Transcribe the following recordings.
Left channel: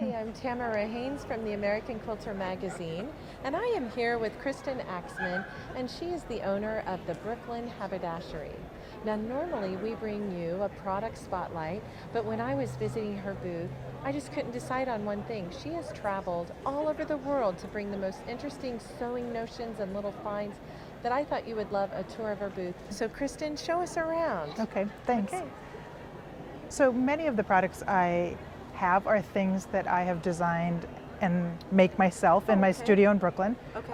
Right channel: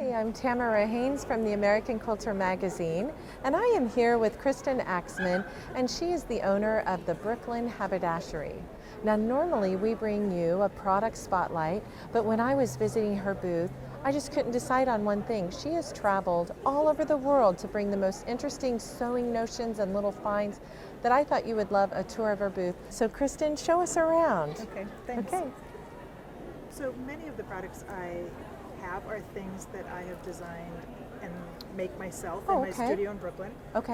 Hi, I'm Tamara Hanes from the American Quilter magazine, and I am here with Kristen Axtman, and she is the owner of the Brooklyn Haberdashery. Now, normally we bring you a product spotlight, but when I was visiting her booth, I just couldn't decide on one thing. She has traveled all over the world to bring the most interesting sewing notions and little finds that I thought you would love a tour of her booth. So Kristen, show us around. Okay, thanks. Okay. So many of the products I have are things that I have designed and make myself in my studio in Brooklyn. Okay.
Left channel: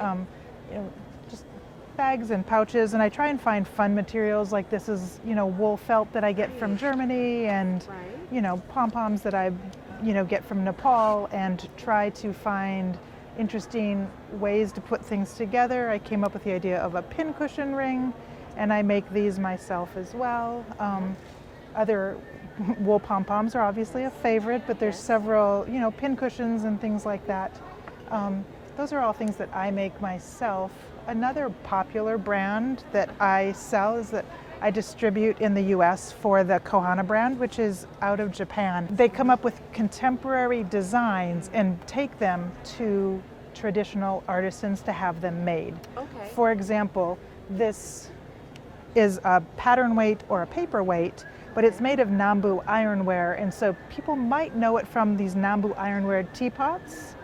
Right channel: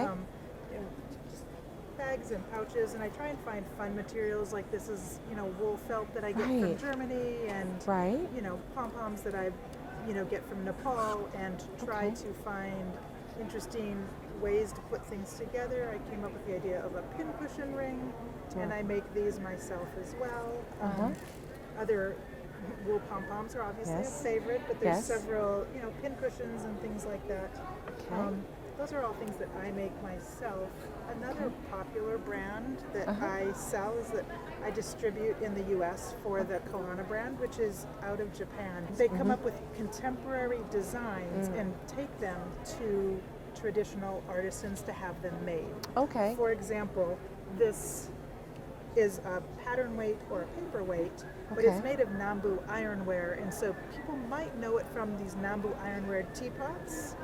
Just bags and pouches, and I try and find fun materials. Like this is, wool felt that I get from Germany, and pom-poms that I, get from Nepal, and try to find interesting ways to put things together. I came up with the idea of a pincushion ring, and I make these myself as well. Other wool pom-poms are obviously a favorite, but there's several, pincushions and things like that. Those are all things that I make myself. Another popular brand that I sell is that I distribute in the US for the Kohana brand, which is out of Japan. They come up with contemporary designs and take them to traditional artisans to have them made. Okay. For example, this is a pattern weight or a paperweight, but it's made of Nambu ironware, and so people might know it from these Nambu ironware teapots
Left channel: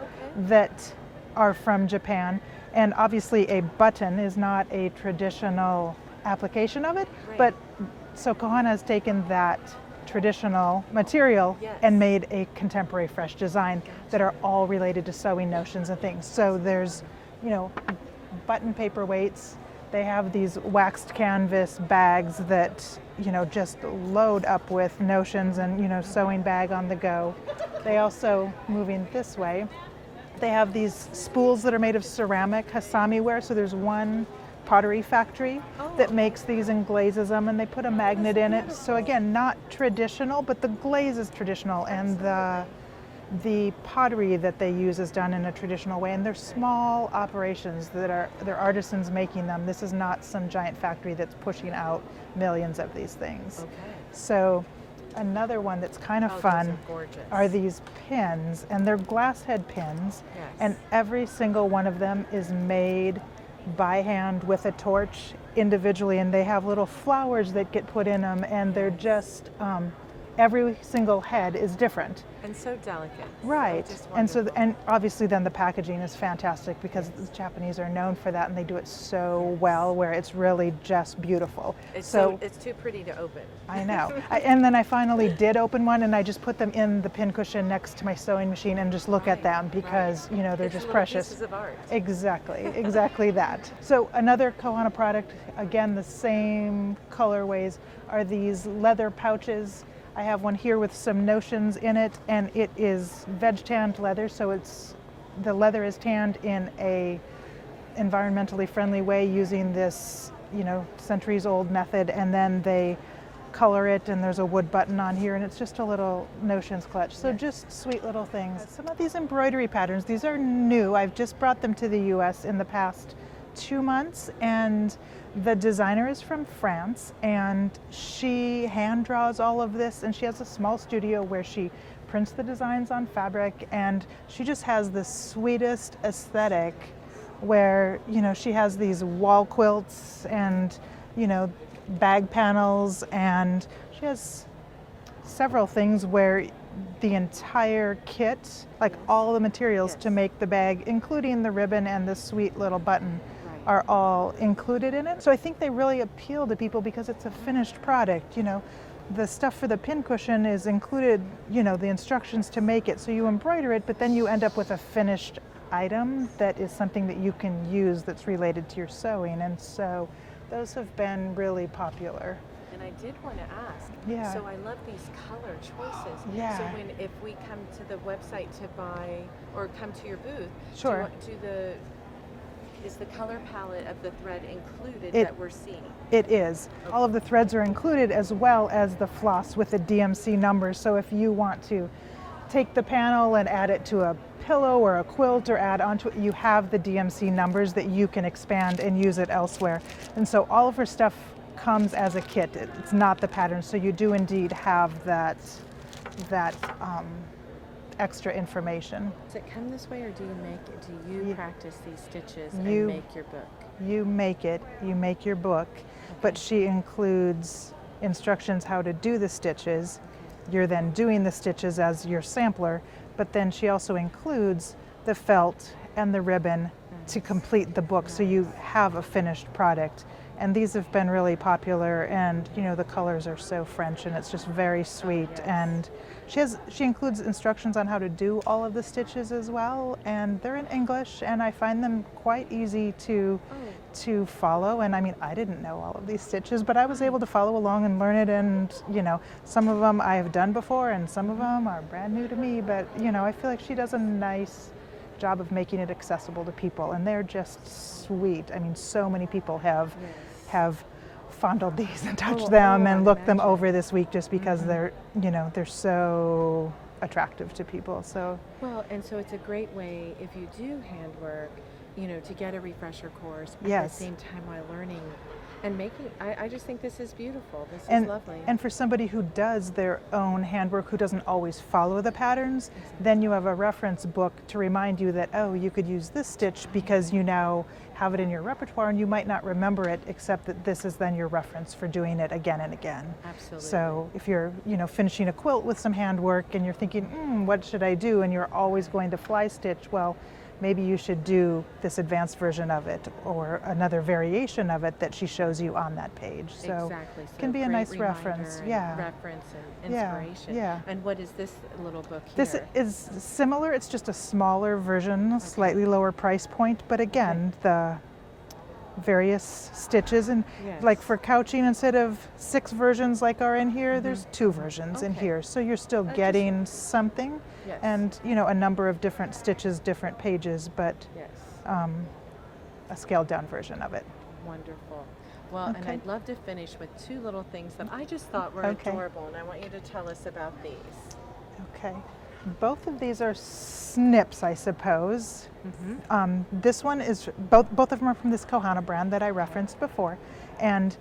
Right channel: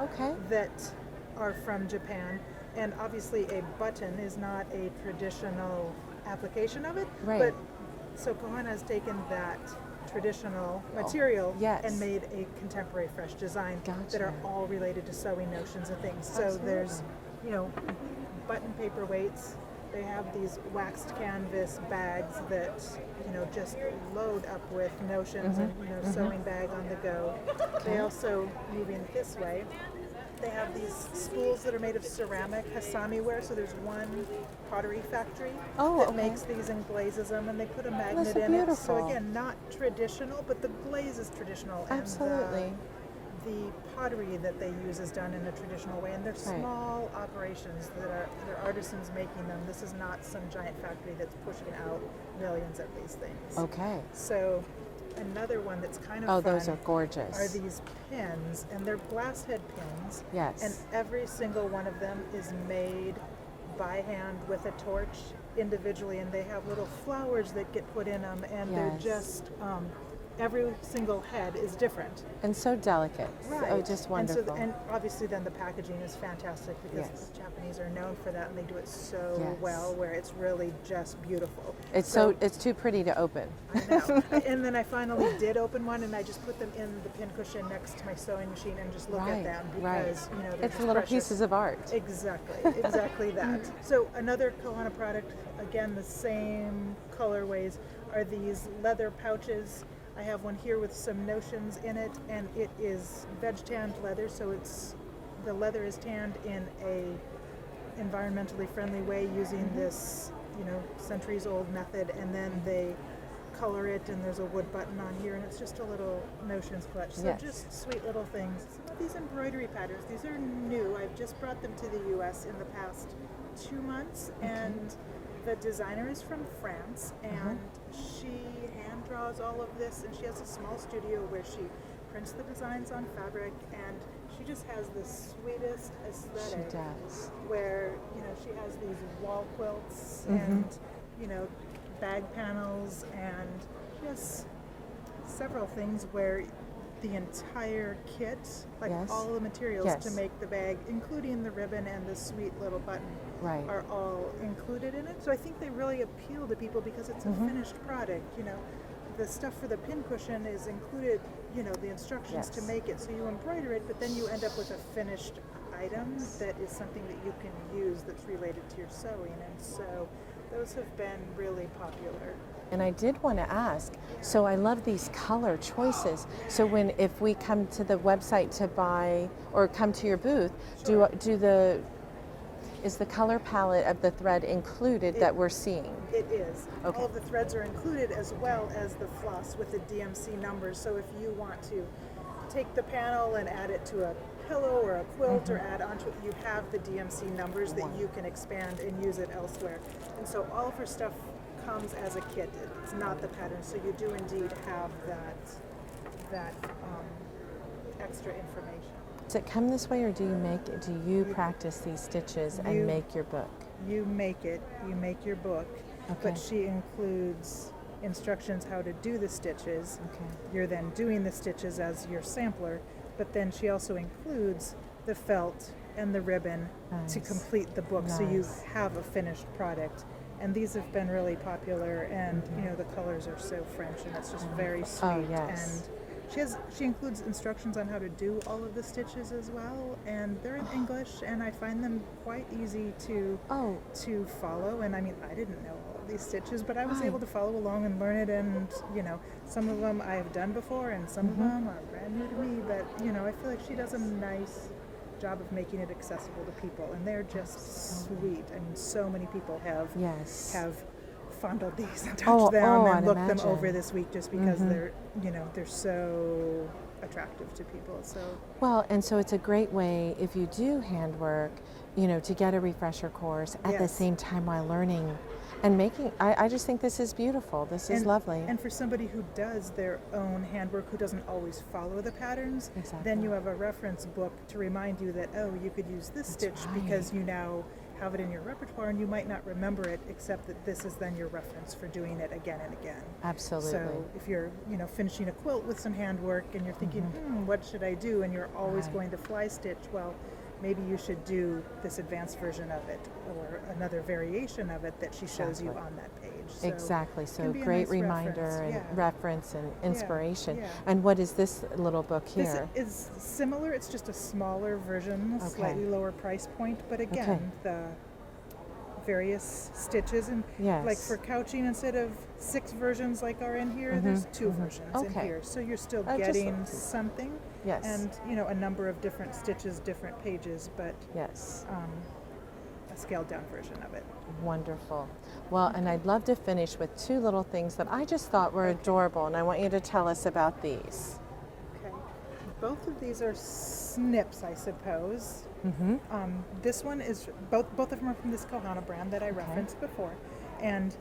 that are from Japan. And obviously a button is not a traditional application of it, but so Kohana has taken that traditional material and made a contemporary fresh design that are all related to sewing notions and things. So there's, button paperweights. They have these waxed canvas bags that, just load up with notions and, sewing bag on the go. They also, moving this way, they have these spools that are made of ceramic Hasami ware. So there's one pottery factory that makes these and glazes them, and they put a magnet in it. So again, not traditional, but the glaze is traditional, and the pottery that they use is done in a traditional way, and they're small operations they're artisans making them. This is not some giant factory that's pushing out millions of these things. Okay. So another one that's kind of fun those are gorgeous. Are these pins, and they're glass head pins. Yes. And every single one of them is made by hand with a torch individually, and they have little flowers that get put in them, and they're just every single head is different. And so delicate. Right. So just wonderful. And obviously then the packaging is fantastic, because the Japanese are known for that, and they do it so well, where it's really just beautiful. It's too pretty to open. I know. And then I finally did open one, and I just put them in the pincushion next to my sewing machine and just look at them, because they're it's just little precious. Pieces of art. Exactly that. So another Kohana product, again the same colorways, are these leather pouches. I have one here with some notions in it, and it is veg tanned leather, so the leather is tanned in a environmentally friendly way using this, centuries old method, and then they color it, and there's a wood button on here, and it's just a little notions clutch. So just sweet little things. Some of these embroidery patterns, these are new. I've just brought them to the US in the past 2 months, and the designer is from France, and she hand draws all of this, and she has a small studio where she prints the designs on fabric, and she just has the sweetest aesthetic where, she has these wall quilts and, bag panels, and she has several things where the entire kit, like all the materials to make the bag, including the ribbon and the sweet little button, are all included in it. So I think they really appeal to people because it's a finished product. The stuff for the pincushion is included, the instructions to make it. So you embroider it, but then you end up with a finished item that is something that you can use that's related to your sewing. And so those have been really popular. And I did want to ask, so I love these color choices. So if we come to the website to buy, or come to your booth, is the color palette of the thread included that we're seeing? It is. Okay. All of the threads are included, as well as the floss with the DMC numbers. So if you want to take the panel and add it to a pillow or a quilt or add onto it, you have the DMC numbers that you can expand and use it elsewhere. And so all of her stuff comes as a kit. It's not the pattern, so you do indeed have that extra information. Does it come this way, or do you practice these stitches and You- make your book? You make it, you make your book, but she includes instructions how to do the stitches. Okay. You're then doing the stitches as your sampler, but then she also includes the felt and the ribbon to Nice. complete the book, so you Nice. have a finished product. And these have been really popular, and you know, the colors are so French and it's just very sweet. yes. And she includes instructions on how to do all of the stitches as well, and they're in English, and I find them quite easy to follow. And I mean, I didn't know all of these stitches, but I was able to follow along and learn it. And you know, some of them I've done before and some of them are brand new to me, but you know, I feel like she does a nice job of making it accessible to people, and they're just sweet. I mean, so many people have fondled these and touched them and I'd looked them imagine. over this week, just because they're, you know, they're so attractive to people. So Well, and so it's a great way, if you do handwork, you know, to get a refresher course at the Yes. same time while learning and making. I just think this is beautiful. This is lovely. And for somebody who does their own handwork, who doesn't always follow the patterns, then you have a reference book to remind you that, oh, you could use this stitch because you now have it in your repertoire, and you might not remember it, except that this is then your reference for doing it again and again. Absolutely. So if you're, you know, finishing a quilt with some handwork and you're thinking, what should I do? And you're always going to fly stitch, well, maybe you should do this advanced version of it or another variation of it that she shows you on that page. So Exactly. So it can be a great nice reminder reference. and Yeah. reference and inspiration. yeah. And what is this little book here? This is similar. It's just a smaller version, slightly lower price point, but again, the various stitches, and like for couching, instead of 6 versions like are in here, there's 2 versions in here. So you're still getting something, and you know, a number of different stitches, different pages, but a scaled down version of it. Wonderful. Well, and I'd love to finish with 2 little things that I just thought were adorable, and I want you to tell us about these. Okay. Both of these are snips, I suppose. This one is, both of them are from this Kohana brand that I referenced before. And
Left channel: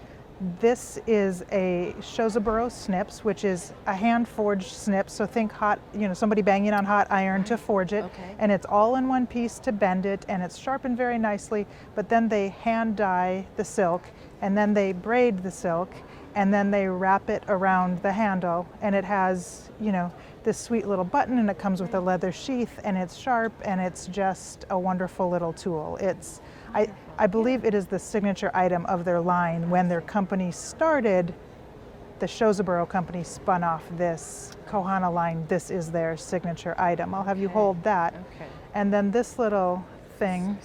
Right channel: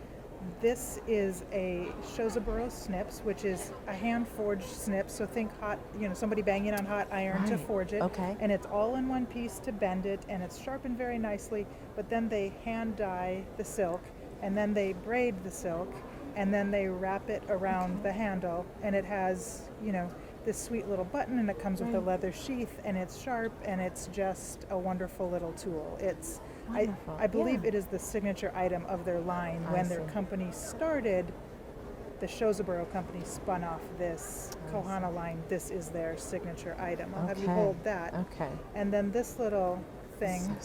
this is a Shozaburo Snips, which is a hand-forged snip. So think hot, you know, somebody banging on hot iron to forge it. And it's all in one piece to bend it, and it's sharpened very nicely. But then they hand dye the silk, and then they braid the silk, and then they wrap it around the handle, and it has, you know, this sweet little button, and it comes with a leather sheath, and it's sharp, and it's just a wonderful little tool. It's, I believe it is the signature item of their line. When their company started, the Shozaburo company spun off this Kohana line. This is their signature item. I'll have you hold that. And then this little thing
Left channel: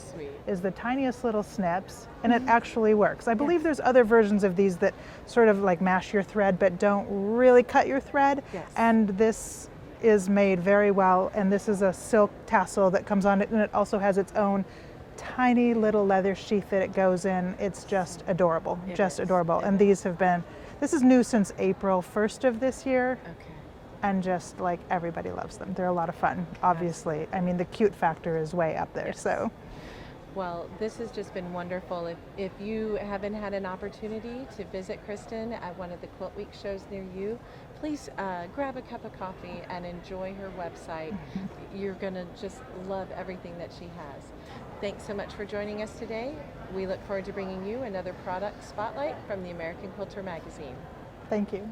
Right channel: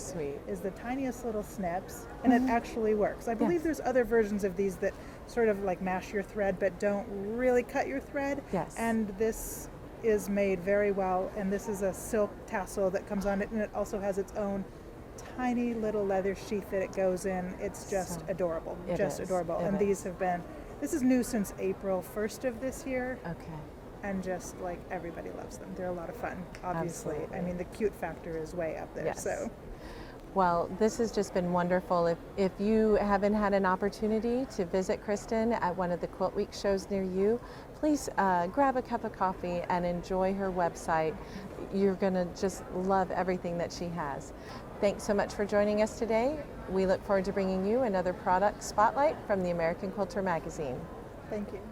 is the tiniest little snips, and it actually works. I believe there's other versions of these that sort of like mash your thread but don't really cut your thread. And this is made very well, and this is a silk tassel that comes on it, and it also has its own tiny little leather sheath that it goes in. It's just adorable, just adorable. And these have been, this is new since April 1st of this year. And just like everybody loves them. They're a lot of fun, obviously. I mean, the cute factor is way up there. So, well, this has just been wonderful. If you haven't had an opportunity to visit Kristen at one of the Quilt Week shows near you, please grab a cup of coffee and enjoy her website. You're gonna just love everything that she has. Thanks so much for joining us today. We look forward to bringing you another product spotlight from the American Quilter magazine. thank you.